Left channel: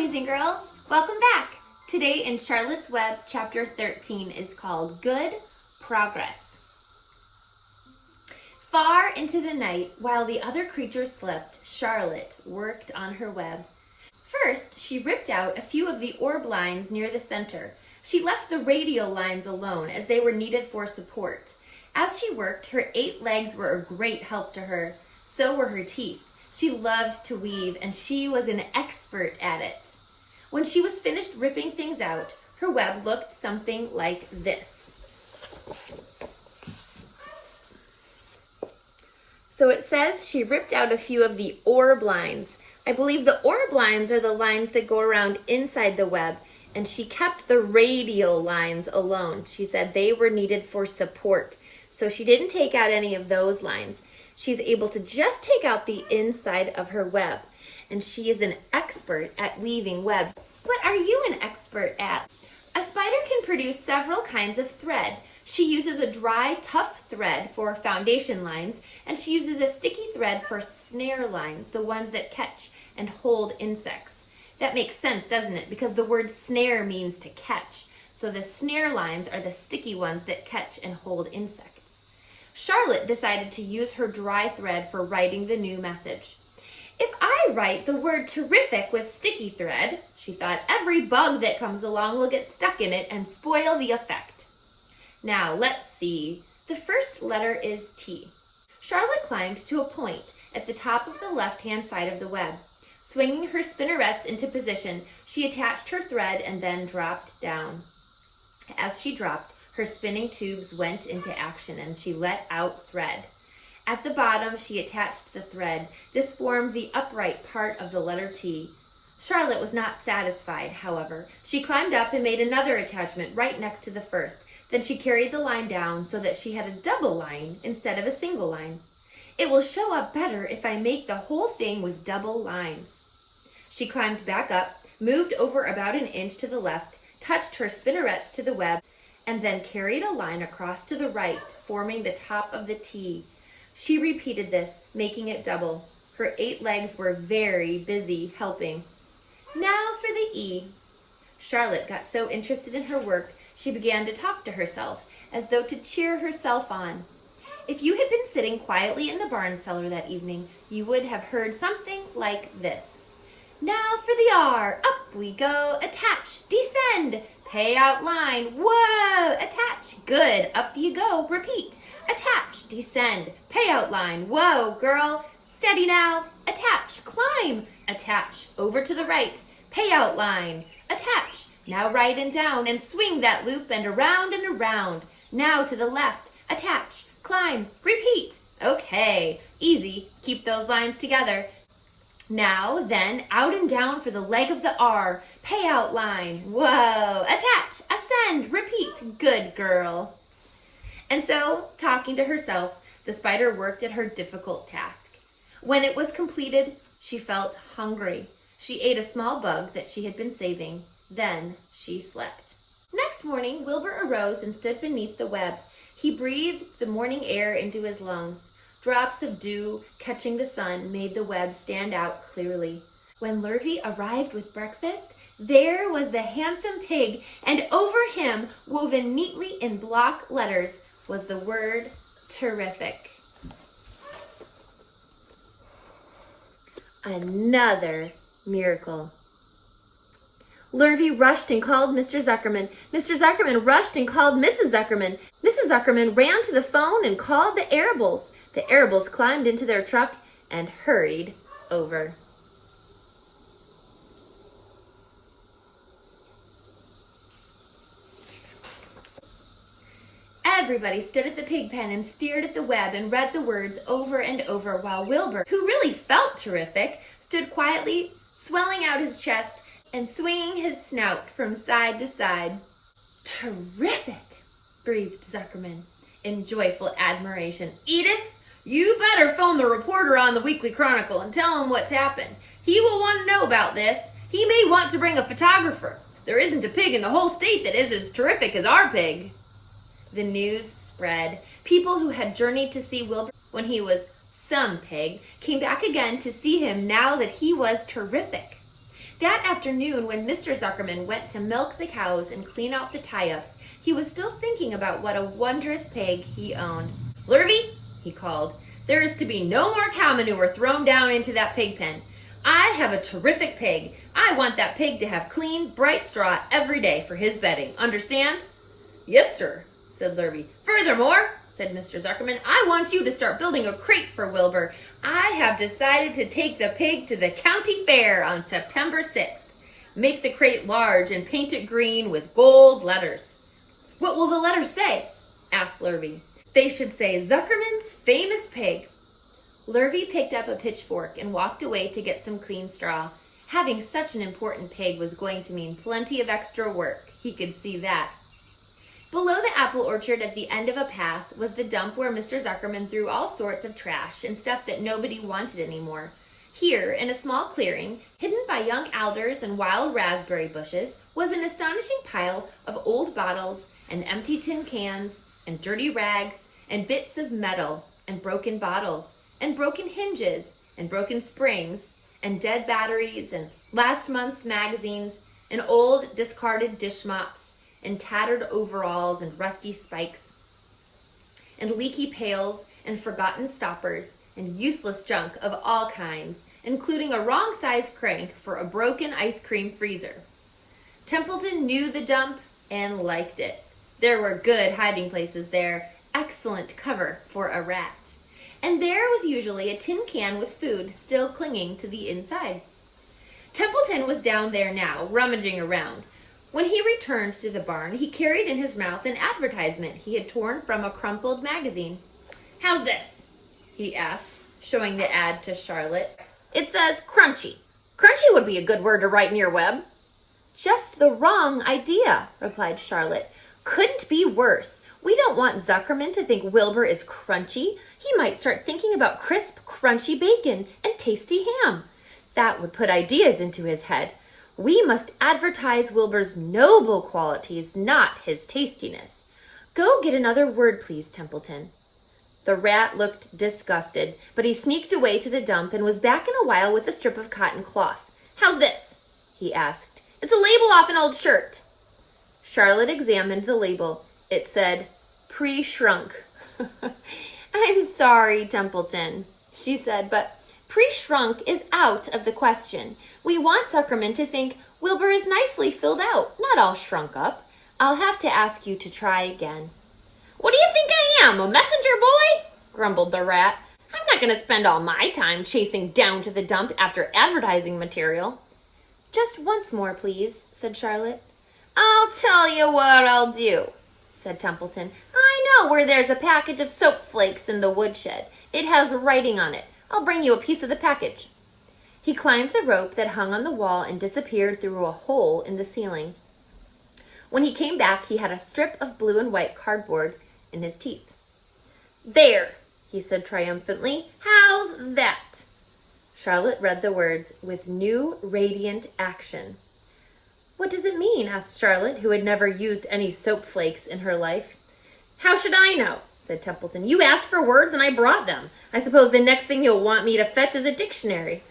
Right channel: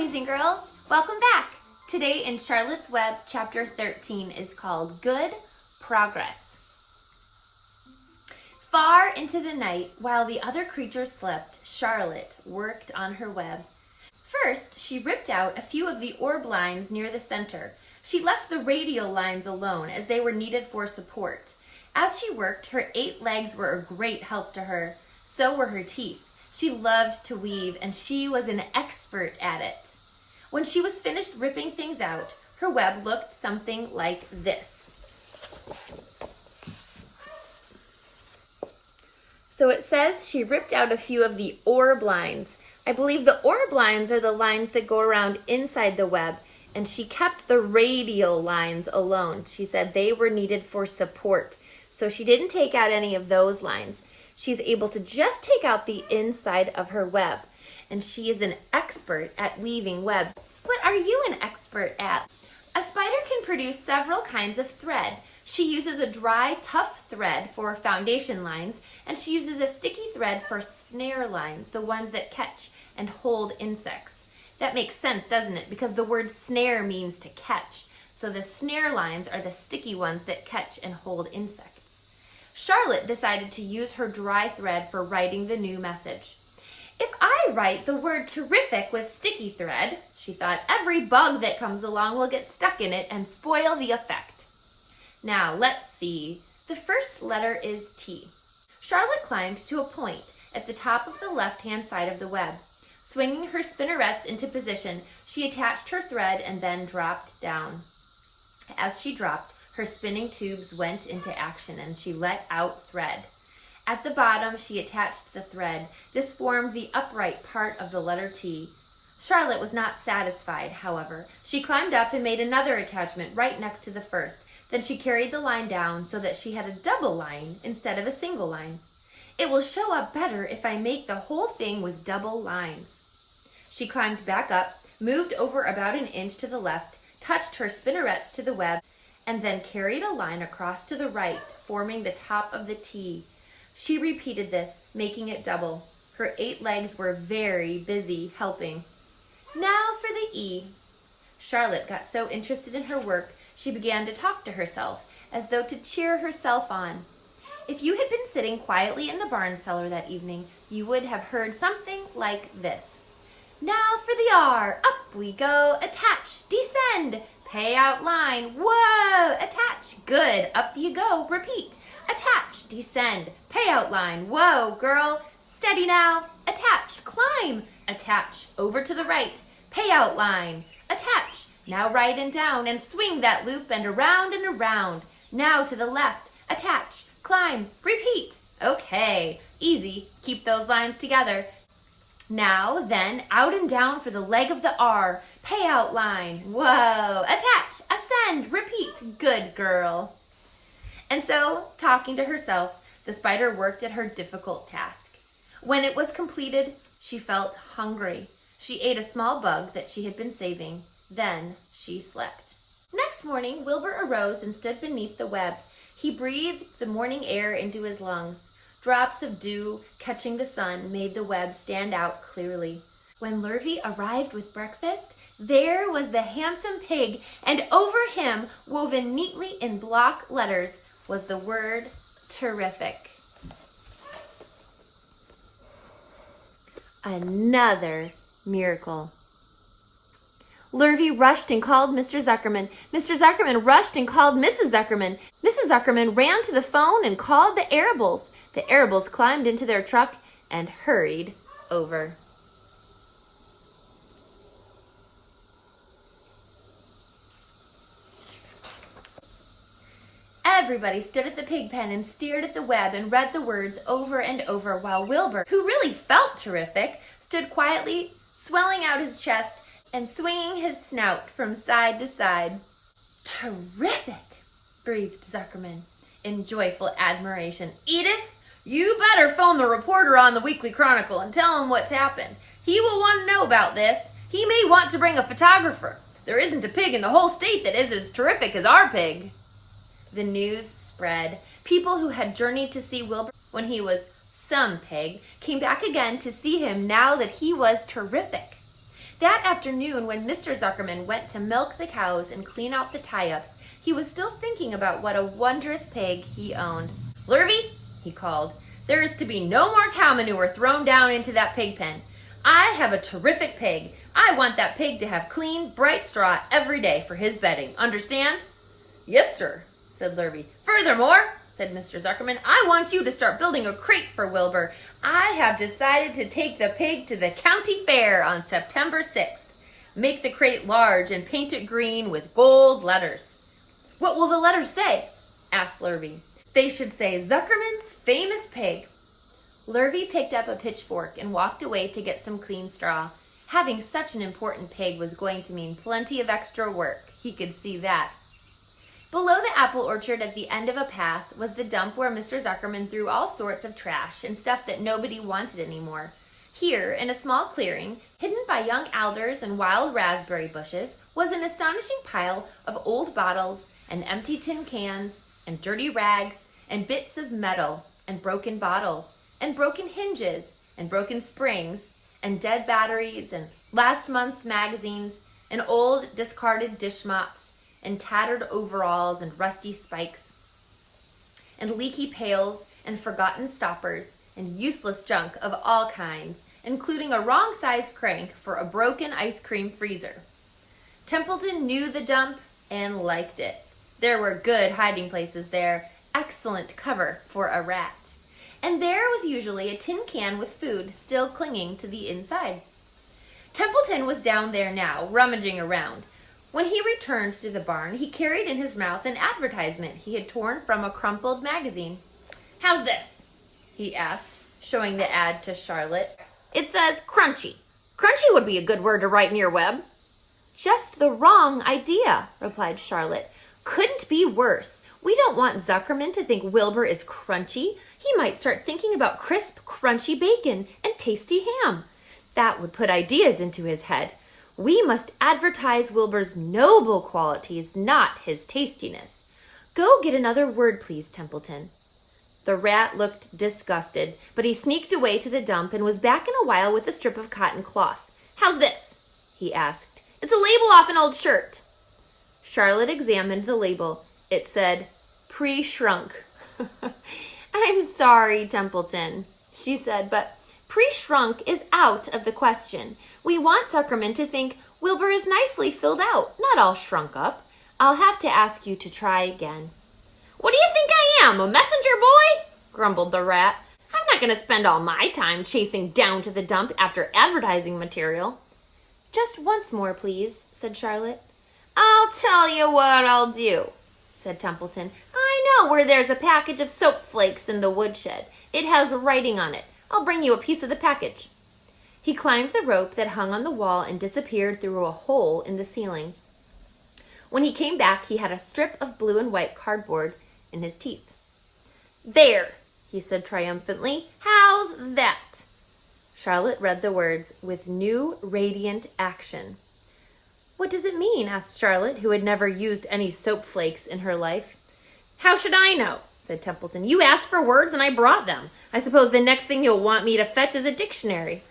boys and girls, welcome back. Today in Charlotte's Web, chapter 13 is called Good Progress. Far into the night, while the other creatures slept, Charlotte worked on her web. First, she ripped out a few of the orb lines near the center. She left the radial lines alone as they were needed for support. As she worked, her 8 legs were a great help to her. So were her teeth. She loved to weave, and she was an expert at it. When she was finished ripping things out, her web looked something like this. So it says she ripped out a few of the orb lines. I believe the orb lines are the lines that go around inside the web, and she kept the radial lines alone. She said they were needed for support, so she didn't take out any of those lines. She's able to just take out the inside of her web, and she is an expert at weaving webs. What are you an expert at? A spider can produce several kinds of thread. She uses a dry, tough thread for foundation lines, and she uses a sticky thread for snare lines, the ones that catch and hold insects. That makes sense, doesn't it? Because the word snare means to catch. So the snare lines are the sticky ones that catch and hold insects. Charlotte decided to use her dry thread for writing the new message. If I write the word terrific with sticky thread, she thought, every bug that comes along will get stuck in it and spoil the effect. Now, let's see. The first letter is T. Charlotte climbed to a point at the top of the left-hand side of the web. Swinging her spinnerets into position, she attached her thread and then dropped down. As she dropped, her spinning tubes went into action and she let out thread. At the bottom, she attached the thread. This formed the upright part of the letter T. Charlotte was not satisfied, however. She climbed up and made another attachment right next to the first. Then she carried the line down so that she had a double line instead of a single line. It will show up better if I make the whole thing with double lines. She climbed back up, moved over about an inch to the left, touched her spinnerets to the web, and then carried a line across to the right, forming the top of the T. She repeated this, making it double. Her 8 legs were very busy helping. Now for the E. Charlotte got so interested in her work, she began to talk to herself, as though to cheer herself on. If you had been sitting quietly in the barn cellar that evening, you would have heard something like this. Now for the R. Up we go. Attach. Descend. Pay out line. Whoa! Attach. Good. Up you go. Repeat. Attach. Descend. Pay out line. Whoa, girl. Steady now. Attach. Climb. Attach. Over to the right. Pay out line. Attach. Now right and down and swing that loop and around and around. Now to the left. Attach. Climb. Repeat. Okay. Easy. Keep those lines together. Now, then, out and down for the leg of the R. Pay out line. Whoa. Attach. Ascend. Repeat. Good girl. And so, talking to herself, the spider worked at her difficult task. When it was completed, she felt hungry. She ate a small bug that she had been saving. Then she slept. Next morning, Wilbur arose and stood beneath the web. He breathed the morning air into his lungs. Drops of dew catching the sun made the web stand out clearly. When Lullaby arrived with breakfast, there was the handsome pig, and over him, woven neatly in block letters, was the word terrific. Another miracle. Lullaby rushed and called Mr. Zuckerman. Mr. Zuckerman rushed and called Mrs. Zuckerman. Mrs. Zuckerman ran to the phone and called the Arables. The Arables climbed into their truck and hurried over. Everybody stood at the pig pen and stared at the web and read the words over and over while Wilbur, who really felt terrific, stood quietly, swelling out his chest and swinging his snout from side to side. Terrific, breathed Zuckerman in joyful admiration. Edith, you better phone the reporter on the Weekly Chronicle and tell him what's happened. He will want to know about this. He may want to bring a photographer. There isn't a pig in the whole state that is as terrific as our pig. The news spread. People who had journeyed to see Wilbur when he was some pig came back again to see him now that he was terrific. That afternoon, when Mr. Zuckerman went to milk the cows and clean out the tie-ups, he was still thinking about what a wondrous pig he owned. "Lullaby," he called, "there is to be no more cow manure thrown down into that pig pen. I have a terrific pig. I want that pig to have clean, bright straw every day for his bedding. Understand?" "Yes, sir," said Lullaby. "Furthermore," said Mr. Zuckerman, "I want you to start building a crate for Wilbur. I have decided to take the pig to the county fair on September 6th. Make the crate large and paint it green with gold letters." "What will the letters say?" asked Lullaby. "They should say, 'Zuckerman's famous pig.'" Lullaby picked up a pitchfork and walked away to get some clean straw. Having such an important pig was going to mean plenty of extra work. He could see that. Below the apple orchard at the end of a path was the dump where Mr. Zuckerman threw all sorts of trash and stuff that nobody wanted anymore. Here, in a small clearing, hidden by young alders and wild raspberry bushes, was an astonishing pile of old bottles and empty tin cans and dirty rags and bits of metal and broken bottles and broken hinges and broken springs and dead batteries and last month's magazines and old discarded dish mops and tattered overalls and rusty spikes and leaky pails and forgotten stoppers and useless junk of all kinds, including a wrong-sized crank for a broken ice cream freezer. Templeton knew the dump and liked it. There were good hiding places there, excellent cover for a rat. And there was usually a tin can with food still clinging to the inside. Templeton was down there now, rummaging around. When he returned to the barn, he carried in his mouth an advertisement he had torn from a crumpled magazine. "How's this?" he asked, showing the ad to Charlotte. "It says crunchy. Crunchy would be a good word to write in your web." "Just the wrong idea," replied Charlotte. "Couldn't be worse. We don't want Zuckerman to think Wilbur is crunchy. He might start thinking about crisp, crunchy bacon and tasty ham. That would put ideas into his head. We must advertise Wilbur's noble qualities, not his tastiness. Go get another word, please, Templeton." The rat looked disgusted, but he sneaked away to the dump and was back in a while with a strip of cotton cloth. "How's this?" he asked. "It's a label off an old shirt." Charlotte examined the label. It said, "Pre-shrunk." "I'm sorry, Templeton," she said, "but pre-shrunk is out of the question. We want Zuckerman to think Wilbur is nicely filled out, not all shrunk up. I'll have to ask you to try again." "What do you think I am, a messenger boy?" grumbled the rat. "I'm not going to spend all my time chasing down to the dump after advertising material." "Just once more, please," said Charlotte. "I'll tell you what I'll do," said Templeton. "I know where there's a package of soap flakes in the woodshed. It has writing on it. I'll bring you a piece of the package." He climbed the rope that hung on the wall and disappeared through a hole in the ceiling. When he came back, he had a strip of blue and white cardboard in his teeth. "There," he said triumphantly. "How's that?" Charlotte read the words, "with new radiant action." "What does it mean?" asked Charlotte, who had never used any soap flakes in her life. "How should I know?" said Templeton. "You asked for words and I brought them. I suppose the next thing you'll want me to fetch is a dictionary."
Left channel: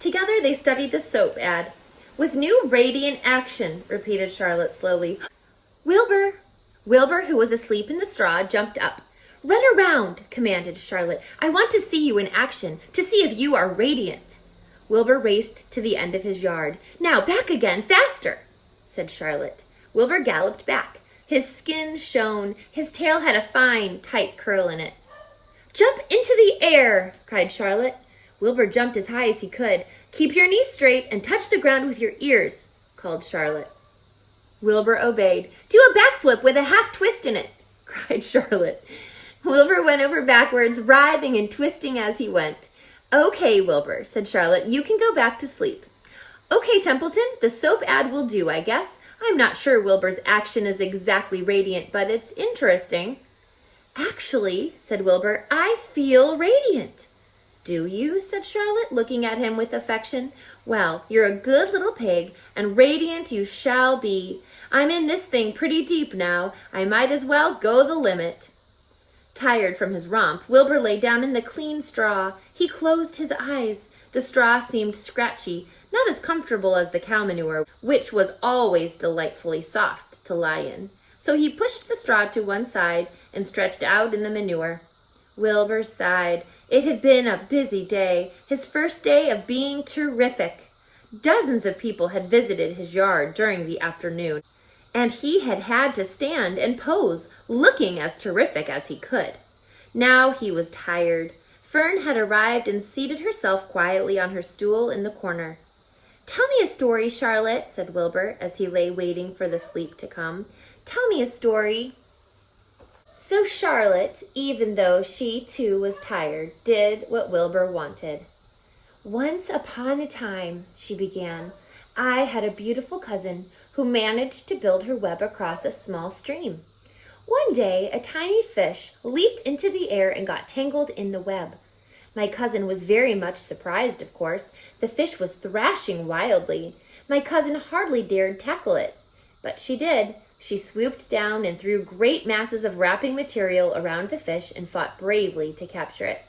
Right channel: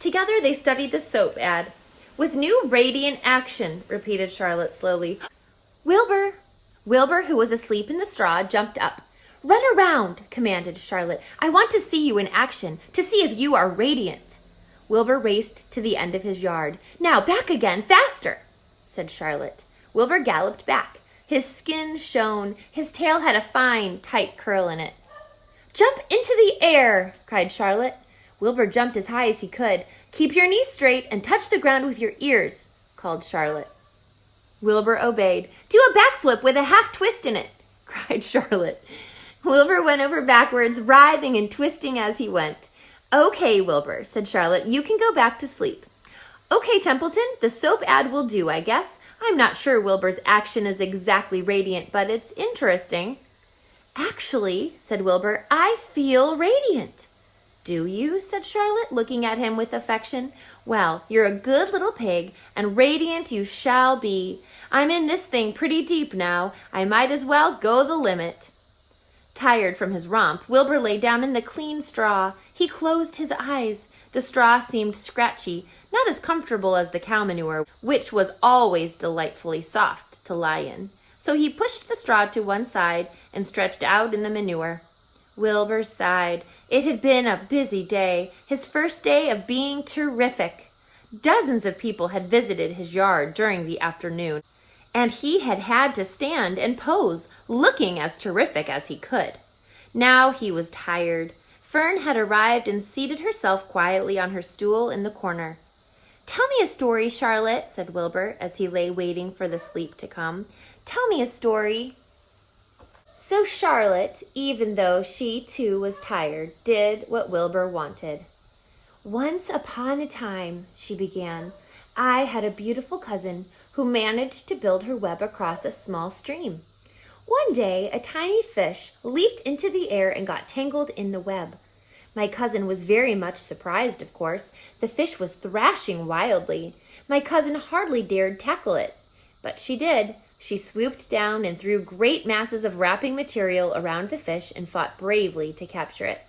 Together they studied the soap ad. "With new radiant action," repeated Charlotte slowly. "Wilbur!" Wilbur, who was asleep in the straw, jumped up. "Run around," commanded Charlotte. "I want to see you in action, to see if you are radiant." Wilbur raced to the end of his yard. "Now, back again, faster," said Charlotte. Wilbur galloped back. His skin shone. His tail had a fine, tight curl in it. "Jump into the air," cried Charlotte. Wilbur jumped as high as he could. "Keep your knees straight and touch the ground with your ears," called Charlotte. Wilbur obeyed. "Do a backflip with a half twist in it," cried Charlotte. Wilbur went over backwards, writhing and twisting as he went. "Okay, Wilbur," said Charlotte, "you can go back to sleep." "Okay, Templeton, the soap ad will do, I guess. I'm not sure Wilbur's action is exactly radiant, but it's interesting." "Actually," said Wilbur, "I feel radiant." "Do you?" said Charlotte, looking at him with affection. "Well, you're a good little pig, and radiant you shall be. I'm in this thing pretty deep now. I might as well go the limit." Tired from his romp, Wilbur lay down in the clean straw. He closed his eyes. The straw seemed scratchy. not as comfortable as the cow manure, which was always delightfully soft to lie in. So he pushed the straw to one side and stretched out in the manure. Wilbur sighed. It had been a busy day, his first day of being terrific. Dozens of people had visited his yard during the afternoon, and he had had to stand and pose, looking as terrific as he could. Now he was tired. Fern had arrived and seated herself quietly on her stool in the corner. "Tell me a story, Charlotte," said Wilbur, as he lay waiting for the sleep to come. "Tell me a story." So Charlotte, even though she too was tired, did what Wilbur wanted. "Once upon a time," she began, "I had a beautiful cousin who managed to build her web across a small stream. One day, a tiny fish leaped into the air and got tangled in the web. My cousin was very much surprised, of course. The fish was thrashing wildly. My cousin hardly dared tackle it, but she did. She swooped down and threw great masses of wrapping material around the fish and fought bravely to capture it."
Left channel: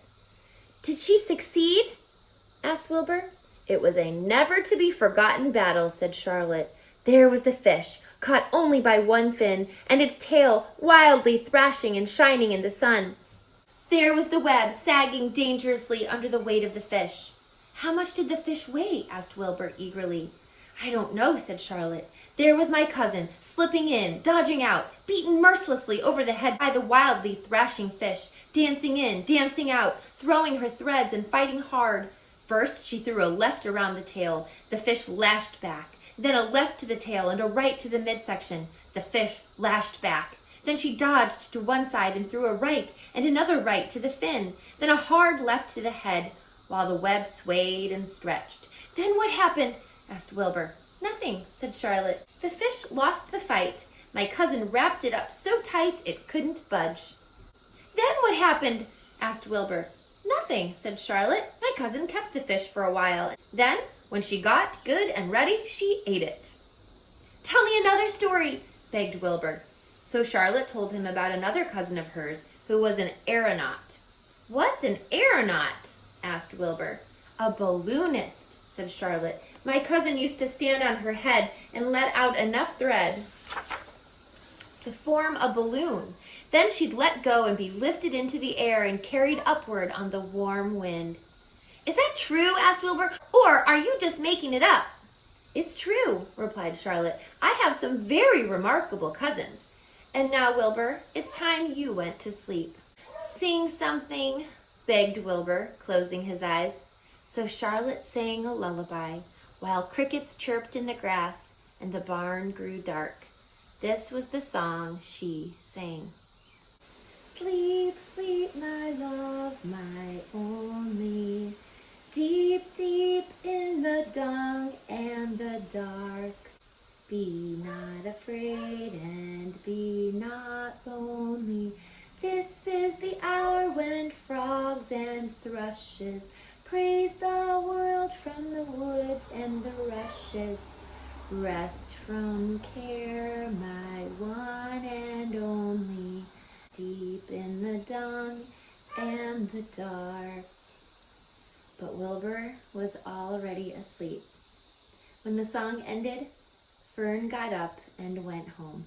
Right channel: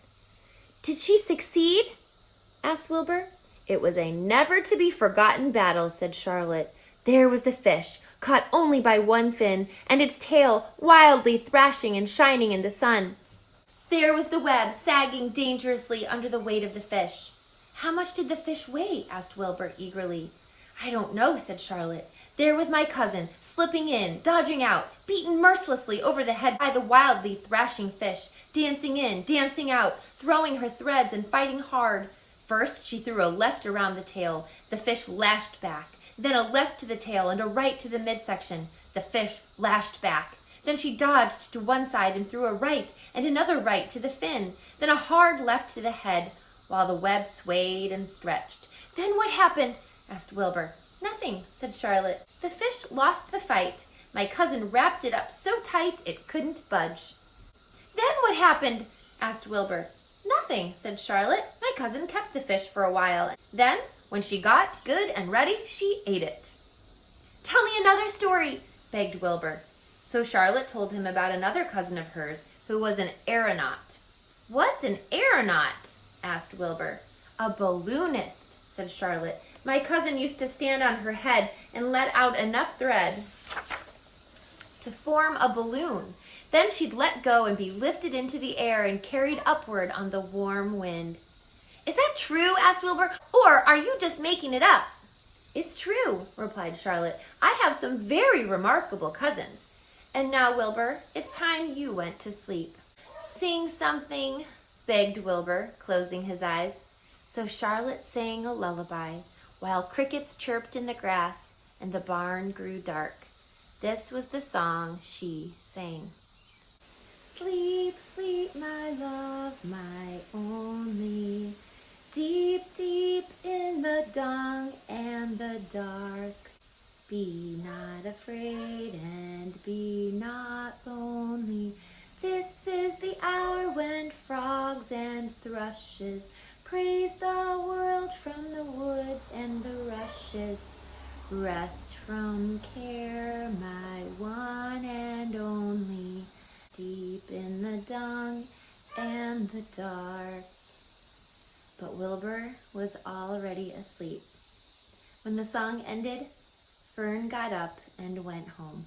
"Did she succeed?" asked Wilbur. "It was a never-to-be-forgotten battle," said Charlotte. "There was the fish, caught only by one fin, and its tail wildly thrashing and shining in the sun. There was the web sagging dangerously under the weight of the fish." "How much did the fish weigh?" asked Wilbur eagerly. "I don't know," said Charlotte. "There was my cousin, slipping in, dodging out, beaten mercilessly over the head by the wildly thrashing fish, dancing in, dancing out, throwing her threads and fighting hard. First, she threw a left around the tail. The fish lashed back. Then a left to the tail and a right to the midsection. The fish lashed back. Then she dodged to one side and threw a right and another right to the fin. Then a hard left to the head, while the web swayed and stretched." "Then what happened?" asked Wilbur. "Nothing," said Charlotte. "The fish lost the fight. My cousin wrapped it up so tight it couldn't budge." "Then what happened?" asked Wilbur. "Nothing," said Charlotte. "My cousin kept the fish for a while. Then, when she got good and ready, she ate it." "Tell me another story," begged Wilbur. So Charlotte told him about another cousin of hers who was an aeronaut. "What's an aeronaut?" asked Wilbur. "A balloonist," said Charlotte. "My cousin used to stand on her head and let out enough thread to form a balloon. Then she'd let go and be lifted into the air and carried upward on the warm wind." "Is that true?" asked Wilbur. "Or are you just making it up?" "It's true," replied Charlotte. "I have some very remarkable cousins. And now, Wilbur, it's time you went to sleep." "Sing something," begged Wilbur, closing his eyes. So Charlotte sang a lullaby, while crickets chirped in the grass and the barn grew dark. This was the song she sang. "Sleep, sleep, my love, my only, deep, deep in the dung and the dark. Be not afraid and be not lonely. This is the hour when frogs and thrushes praise the world from the woods and the rushes. Rest from care, my one and only, deep in the dung and the dark." But Wilbur was already asleep. When the song ended, Fern got up and went home.